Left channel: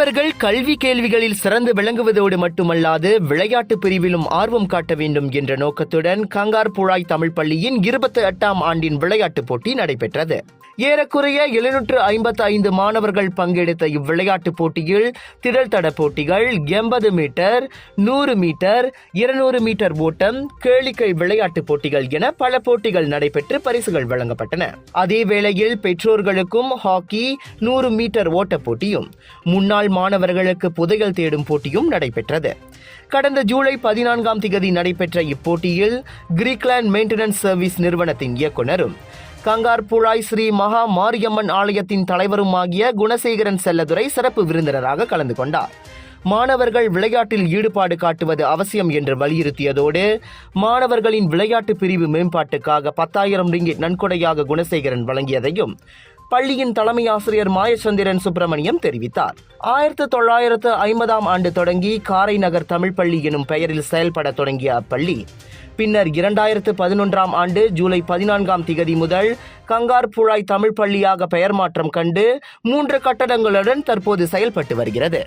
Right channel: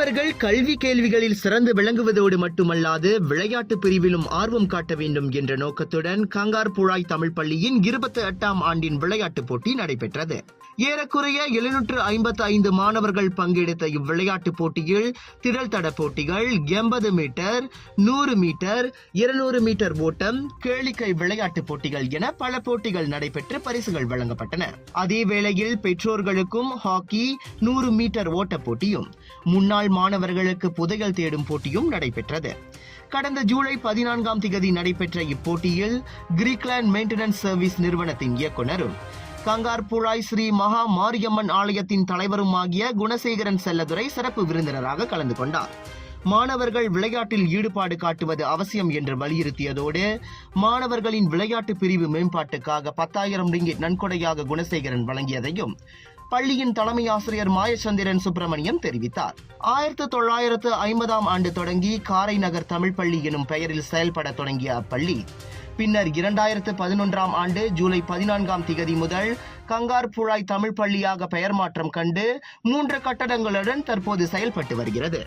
மாணவர்கள் கல்வி கேள்விகளில் சிறந்து விளங்குவதோடு மட்டுமல்லாது விளையாட்டு பிரிவிலும் ஆர்வம் காட்ட வேண்டும் என்ற நோக்கத்துடன் கங்கார்புழாய் தமிழ் பள்ளியின் 28ஆம் ஆண்டின் விளையாட்டுப் போட்டி நடைபெற்றது. ஏறக்குறைய 755 மாணவர்கள் பங்கெடுத்த இவ்விளையாட்டுப் போட்டியில் திடல் தட போட்டிகள், 80 மீட்டர், 100 மீட்டர், 200 மீட்டர் ஓட்டம், கேளிக்கை விளையாட்டுப் போட்டிகள் என பல போட்டிகள் நடைபெற்று பரிசுகள் வழங்கப்பட்டன. அதே வேளையில் பெற்றோர்களுக்கும் ஹாக்கி, 100 மீட்டர் ஓட்டப் போட்டியும், முன்னாள் மாணவர்களுக்கு புதையல் தேடும் போட்டியும் நடைபெற்றது. கடந்த ஜூலை 14ஆம் தேதி நடைபெற்ற இப்போட்டியில் கிரீக்லாந்து மெயின்டெனன்ஸ் சர்வீஸ் நிறுவனத்தின் இயக்குநரும் கங்கார்புழாய் ஸ்ரீ மகா மாரியம்மன் ஆலயத்தின் தலைவருமாகிய குணசேகரன் செல்லதுரை சிறப்பு விருந்தினராக கலந்து கொண்டார். மாணவர்கள் விளையாட்டில் ஈடுபாடு காட்டுவது அவசியம் என்று வலியுறுத்தியதோடு மாணவர்களின் விளையாட்டு பிரிவு மேம்பாட்டுக்காக 10,000 ரிங்கிட் நன்கொடையாக குணசேகரன் வழங்கியதையும் பள்ளியின் தலைமை ஆசிரியர் மாயச்சந்திரன் சுப்பிரமணியம் தெரிவித்தார். 1950ஆம் ஆண்டு தொடங்கி காரை நகர் தமிழ் பள்ளி எனும் பெயரில் செயல்பட தொடங்கிய அப்பள்ளி பின்னர் 2011ஆம் ஆண்டு ஜூலை 14ஆம் தேதி முதல் கங்கார்புழாய் தமிழ் பள்ளியாக பெயர் மாற்றம் கண்டு 3 கட்டடங்களுடன் தற்போது செயல்பட்டு வருகிறது.